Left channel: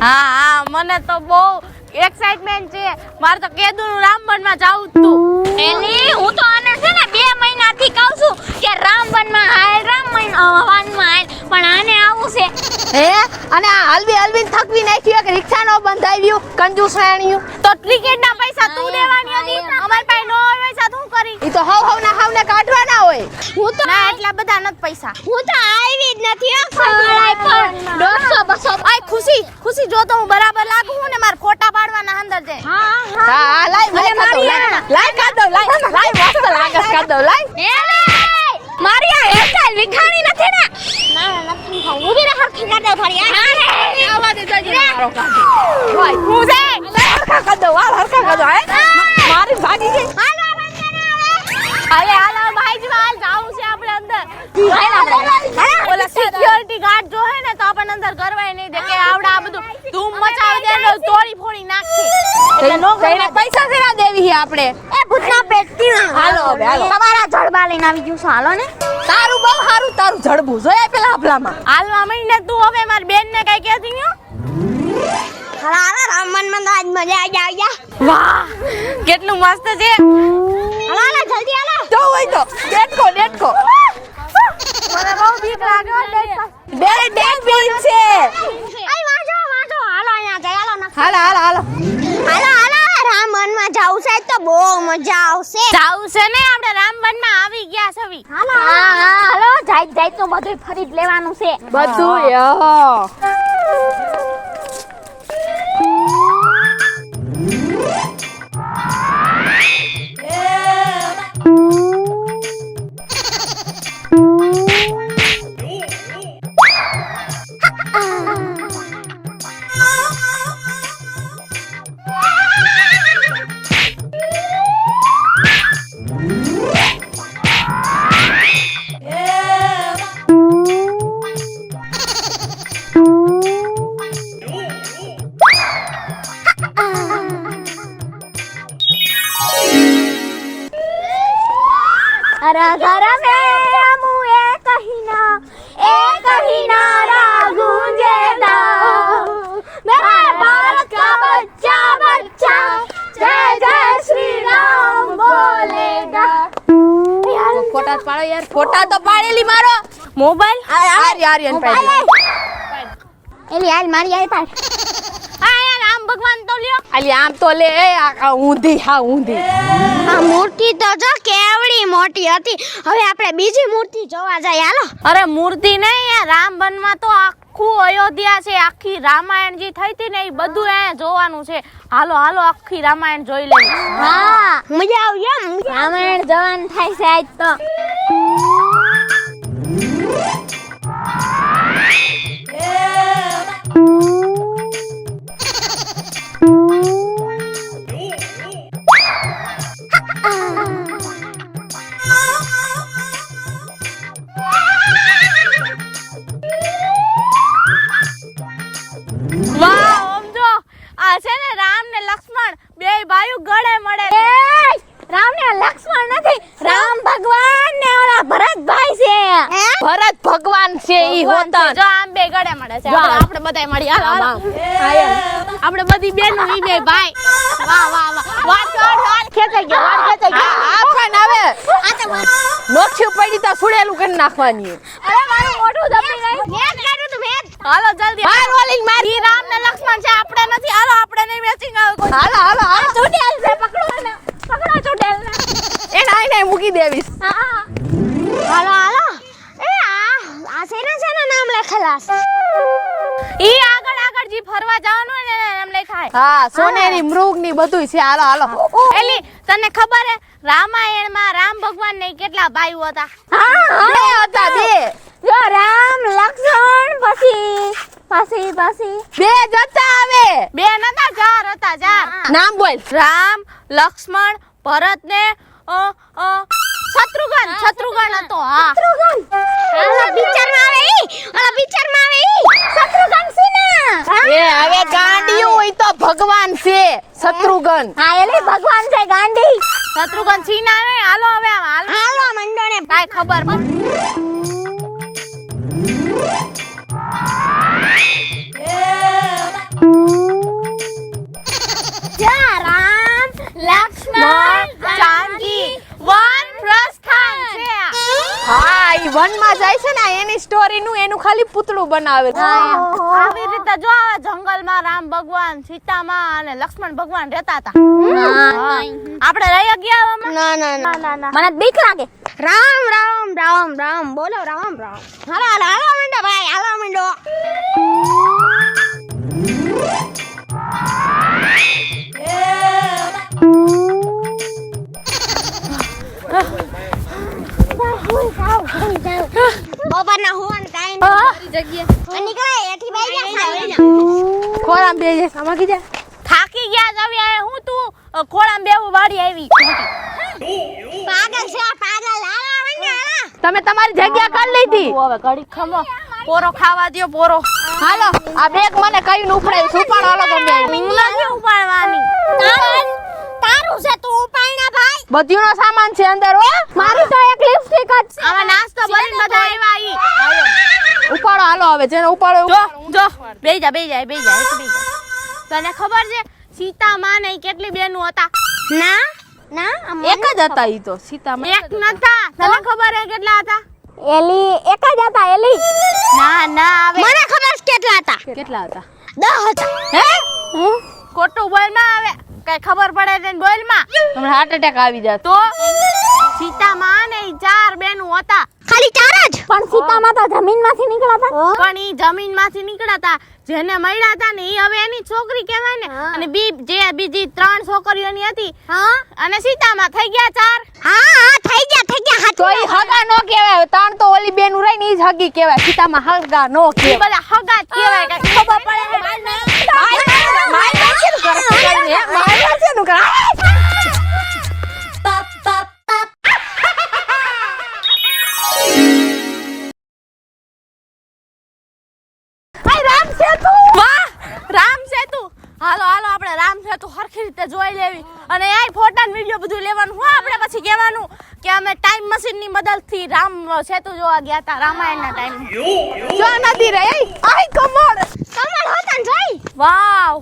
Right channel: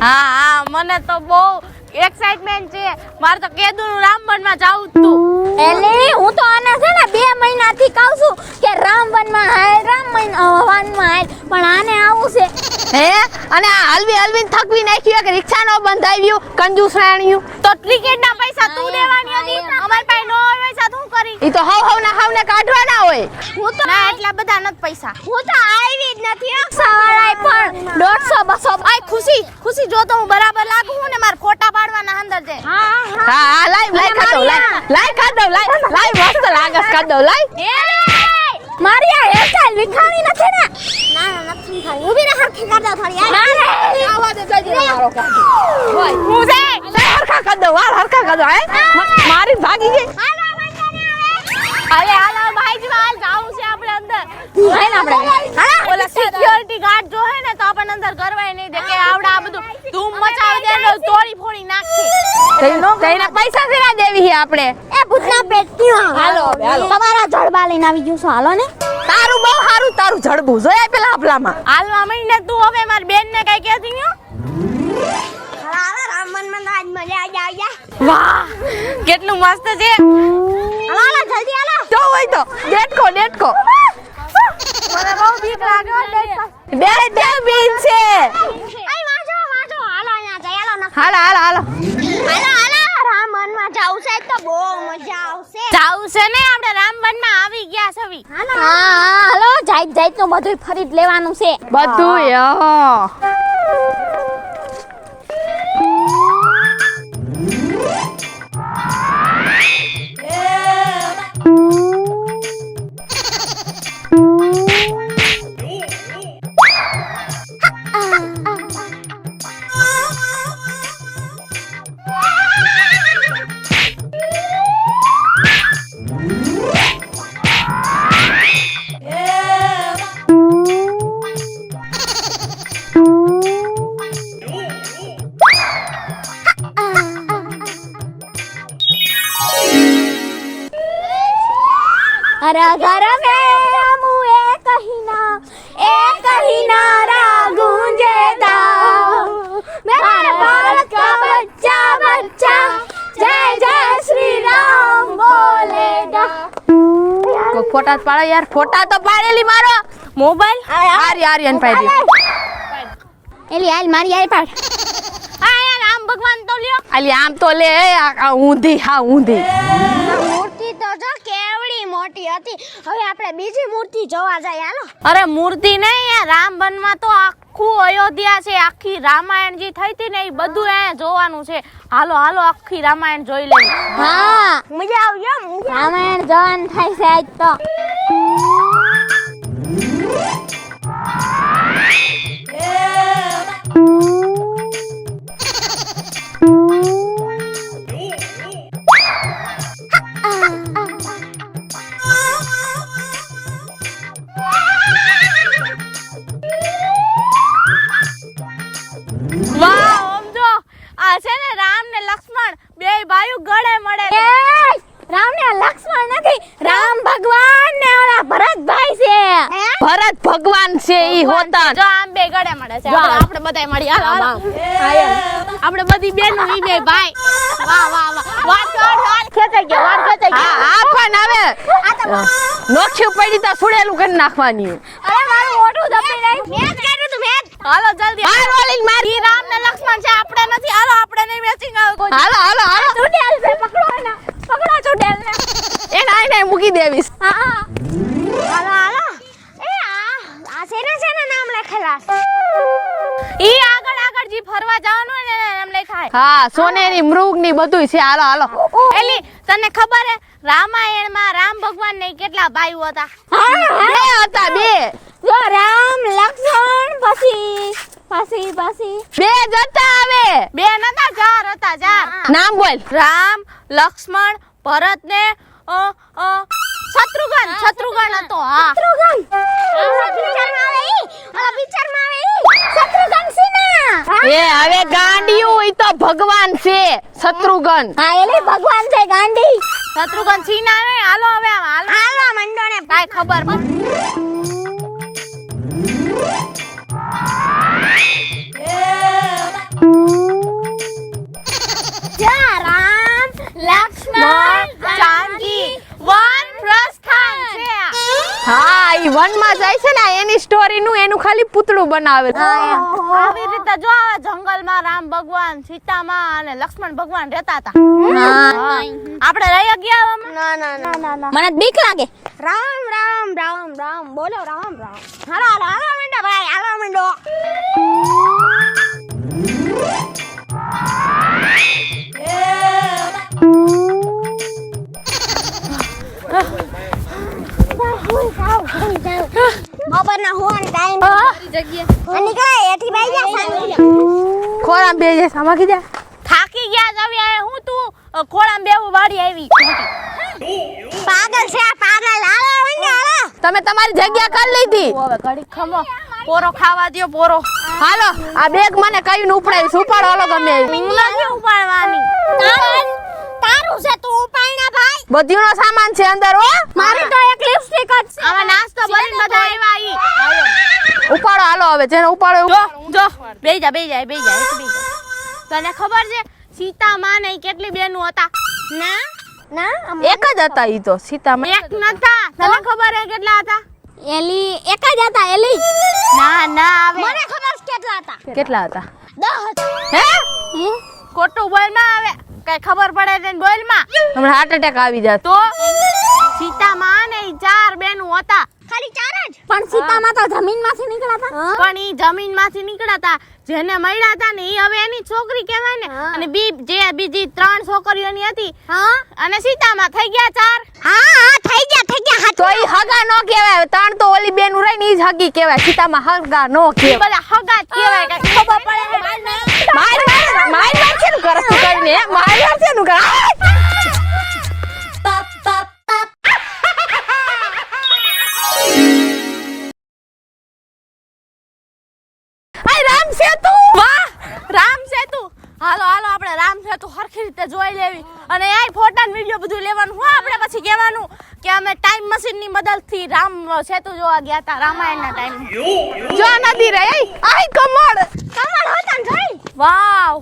હા મને તો બહુ એક્સાઇટમેન્ટ છે. મારે તો કેદુનું રામવનમાં જાવું તું. એટલે હું તો આના છે ને 2 મહિનાથી કહું છું કે રામવનમાં હાલ રામવનમાં હાલ, પણ આને આવું છે. હે અને આ હલવી થકવી નાખ્યું કે રિક્ષા નો બંધ આવ્યું કંજૂસ રાણિયું. તો ટિકિટના પૈસા તું દેવાની હતી. અમારી પાસે નો હોય પૈસા તું કરી. ઈ તો હાવને કાઢવાના હોય. હું તો ના એટલા બધા નથી પૈસા. હું તો આવી જ નથી સવાળાય પણ 150 200. આય ખુશી જો તો હું બરાબર લાગુ હું ને માર ફોટા પાડવાના અંદર છે. હા લાઈ કાઢ દો લાઈ મસ્ત લાગસ કાઢ દો લાઈ. મારી આ હેરસ્ટાઈલ વિખાણી નથી ને? ના નથી ખાઈ. ઊભી રહે હરખી કાઢ દે થોડી. આવા દે જજે મારો કાઢ. હું છે હરખા કાઢ દો મારી ભાગી ગઈ. હાલો ભાઈજી હાલ જાવું છે આપણે અંદર. ઓલા સિક્યોરિટી ગાર્ડ જો હે ને તો આપણને અંદર કરવાય નહીં દે કે આવડા આ બધું ધૂમ મચાવી દે ને તોડી ફોડી નાખે. તઈને પૈસા દેવા દેવી છે આપણે. એ ભૂતના પેટતી હાલો તમારા જડબા લઈને આવી ગયું છું. હાલો ને તારું બહુ સારું તારું જડબું જોયા પેલા આપલામાં. હાલવા મહિને તું હવે મારી બેન ને કઈ કહેતી નહી. રામવનમાં આજ મજા આવી ગયા. વાહ કેટલું મસ્ત છે. હાલો જલ્દી હાલો. જો હોય તો ડેટકો મને બહુ બીક લાગે હો ડેટ. બે બીન છે. આય વાજો હાલો અહીંયા જઈ હાલો ના. હાલો હાલો રામવનમાં જાવું છે તો બહુ મજા આવશે. જાવું છે ને આપણે રામવનમાં આવી ગયા છવી. હાલો જાય તો બધું ફરી જ લેવાનું છે. બધું घर में हम एक ही नारा गूंजेगा मेरे भारत का बच्चा जय जय श्री राम बोलेगा. ફોટા પાડો યાર. ફોટા તો પાડેલી મારો મોબાઈલ આર્યન પાડી. એલી હાલ મારી આઈ પાડ. હા યાર રામ ભગવાન તો લ્યો. અલી આમ તો લે આ ઊંધી. મૂર્તિ તો જો કેવડી મોટી હતી. હવે આપણે બીજી મૂર્તિ જોવા જઈએ. હાલો. અરે મૂર્તિ નહીં યાર રામવનમાં તો આખું અયોધ્યા છે. આખી રામાયણ જે થઈ હતી ને એ બધું અહીંયા જોવાનું છે. હાલો આખી રામાયણ જોઈ લેવી. હા મજા આવી એમ. રામાયણ જવાન થાય છે આજ તો. વાહ ઓમ જો આ છે ને રામ ને લક્ષ્મણ બે ભાઈઓ ગળે મળે. રામ ને લક્ષ્મણ નથી, રામ ભગવાન ને ઓલા ભરતભાઈ છે. ભરત ભગવાન છે ઈ હોતન. જો આમ બે ગળે મળે છે. આપણે બધાય મળી હાલો આપણે બધી બેનો ઈ બે ભાઈ. વાહ વાડ ખેંચાઈ ગયો. આ પણ આવે આ તો નોખ્યું પડી તો સુડેલું કરી નાખવાની. અરે મારું મોઢું દબી નહીં. મેં કર્યું તું મેં. હાલો જલ્દી. વાળી મારી. ઈ રામ ને લક્ષ્મણ છે આપણે નથી. હાલો આપણે નહીં મેચિંગ આવે કોઈ. હાલો ચૂડેલ છે. પકડો ને. પકડો ચૂડેલ ને. એ નાઈ મૂકી દેવીશ. હાલો. એ આ છે ને નામ લખેલા છે. ઈ આગળ જી ફરવા જવાનું હોય ને નામ લખાય. હા સોનેરી મૃગ ની બધું છે. હાલો એલી તને ખબર હે રામાયણમાં રામ ભગવાન ને કેટલા ભાઈઓ હતા? બે હતા બે. જો રામ લક્ષ્મણ પછી બે જતા આવે. બે નતા ચાર હતા. ચાર નામ બોલ. રામ લક્ષ્મણ ભરત ને શત્રુઘ્ન હતો. હા પિક્ચરમાં આવે શત્રુઘ્ન સિન્હા. એ હવે ગાંડિયું હોય તો ભગવાન છે શત્રુઘ્ન. હા એલી ભગવાન છે ગાંધી. શત્રુઘ્ન સિન્હા આવે. હાલો હવે હાલો મંડોને કાઈ ખબર ખાલી પૂતળું બનાવે આવી રીતે જો આ જંગલમાં રામ ભગવાન સીતામાં અને લક્ષ્મણ ભગવાન રહેતા હતા આપણે રહી ગયા ના મને બીક લાગે. રામ રામ રામ રામ બોલો રામ રામ હાલો હાલો મંડો ભાઈ હાલો મંડો બપોરના હોવાનો ટાઈમ અને કઈ એથી બાઈ ગયા ખોરામ બે જે સામાકી જા થાકી ગયા જ આવી આ હું તું ખોળામાં બેવું વાડી આવી પાગલ છે આ પાગલ. હાલો મંડો હાલો. તમે તમારી જગ્યા કરી લીધી હવે ઘડી ખમો પોરો ખાવા દ્યો પોરો હાલો આ બેગ મને કઈને ઉપાડી ઉપાડો હાલો તમે નથી ઉપાડવાની તારું છે તું ઉપાયના ભાઈ. બધીનો સામાન છે અંદર હો મારી તો એક લિપસ્ટિક જ છે. આમાં નાસ્તો બની બધા આવ્યા ઈ ઉપાડો હાલો હવે જેને ઉપાડો જો જો બેહી જા તને ખબર છે સીતા માં ને ઈ કેટલી બેનું હતા ના એક જ હતા ઈ તો સીતા એક નતા તને ખબર હે કેટલા હતા એલી એક જ હતા એલી. ના આવે મને ખબર છે કેટલા હતા. કેટલા હતા 10 હતા. હે ખોટું બોલ માં આવે કઈ ખબર પડે છે ને બોલ માં હમણાં હાર્ટ એટેક આવી જાત તો સીતા માં ને ઈ 4 બેનું હતા ખાલી 4 જ. પણ સીતામાં તો જમીનમાંથી નીકળ્યા હતા. પણ ઈ જમીનમાંથી નીકળ્યા હતા જેને મળ્યા હતા ને ઈ હવે એની છોકરી કહેવાય ને અને બીજી 3 છોકરીઓની હતી હા અને સીતામાં થઈ ગયા 4 હા થઈ ગયા તો ઈ હગા નો કહેવાય ત્રણ તો ઓલી બેનું રહી ને ઈ જ હગી કહેવાય સીતામાં હગા નો ઈ કહેવાય બધા હગા જ કહેવાય કે ખબર પડે છે રામ સેતુ હાલો આપણે રામ સેતુ હરખી રીતે જોઈ લેવી અને આ ફોટા વિડિયો બધું લેવાનું હું આપણે પછી કહેવાનું કે અમે ટાઈમ મશીન ની મદદથી રામ સેતુ જોવા ગયા હતા રામાયણના ટાઈમ જો નદી રહી આઈ કમળ કમળ હતા ને જોઈ. વાવ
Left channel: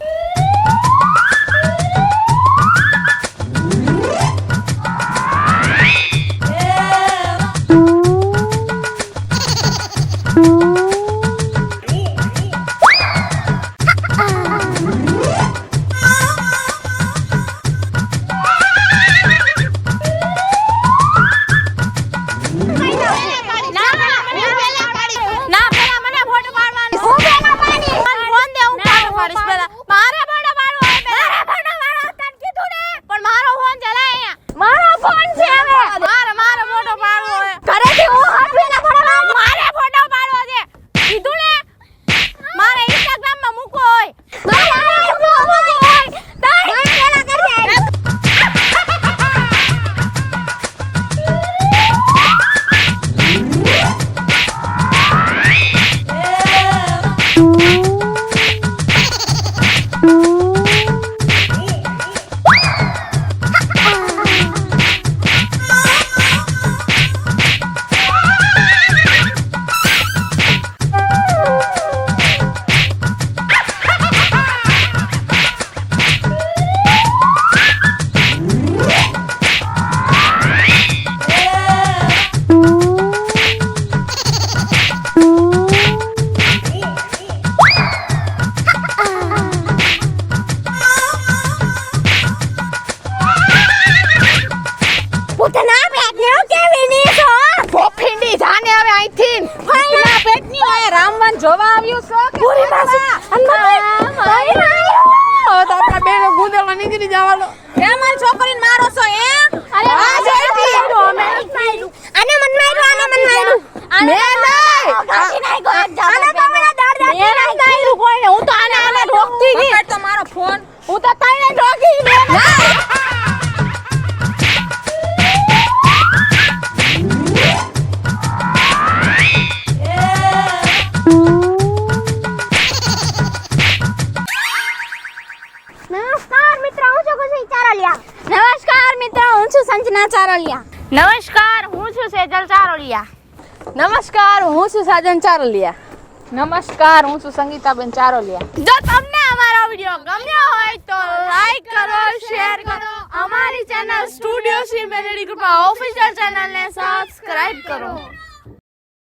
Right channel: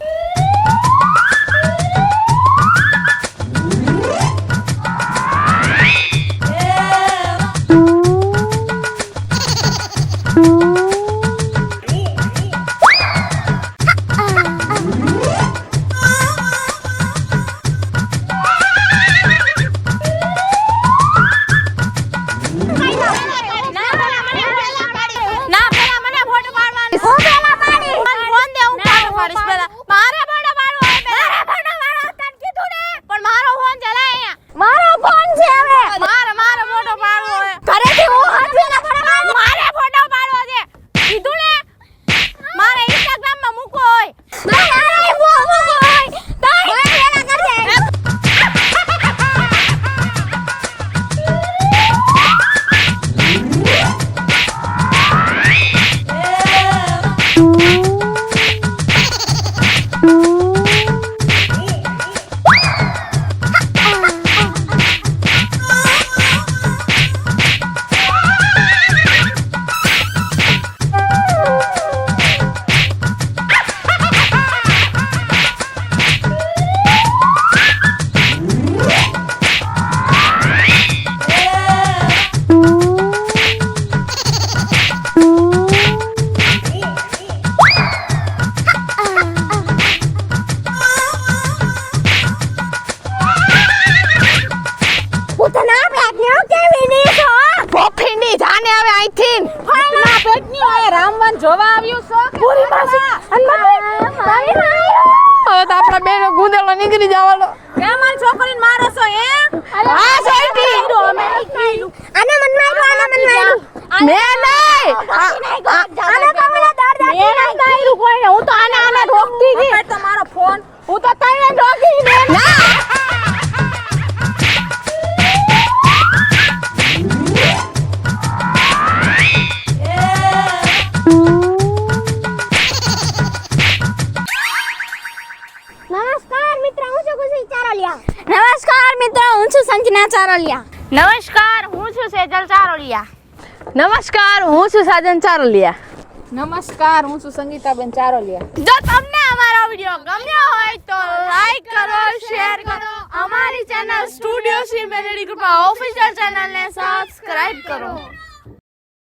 ના પેલા મને ફોટો પાડવાનો મને ફોન દે હું ફોટો પાડીશ પેલા મારે ફોટો પાડવો હોય પેલા તને કીધું ને પણ મારો ફોન ચલાય અહીંયા મારો ફોન છે હવે. મારો ફોટો પાડવો હોય ઘરેથી હું હટવીને પડે. મારે ફોટો પાડવો છે કીધું ને મારે ઇન્સ્ટાગ્રામ માં મૂકવો હોય ઉતના પેટને કેવી ની છો. ફીંડી જાને હવે અહીંથી ના પેટની હોય રામવન જોવા આવ્યું છો કે પૂરી પાછી હવે તો આપણે બે ગુદેલો નીકળી જવાનો એ મારી છોકરીને મારો છો હે અરે આ જોઈતી. આને મન માર્યું મેં નહીં આને તો મને દાડ દાડ નહીં ગાયરું કોઈને હું તો આને ઢોકતી ગઈ પકડ તો મારો ફોન હું તો તને ઢોકી દે નમસ્કાર મિત્રો હું છું ખુશી ચારોલિયા. નમસ્કાર મિત્રો હું છું સંજના ચારોલિયા. નમસ્કાર હું છું સેજલ ચારોલિયા નમસ્કાર હું છું સાજન ચારોલિયા નમસ્કાર હું છું સંગીતાબેન ચારોલિયા. જો તમને અમારો વિડિયો ગમ્યો હોય તો લાઈક કરો શેર કરો અમારી channel studio C melody group official ચેનલને સબસ્ક્રાઇબ કરો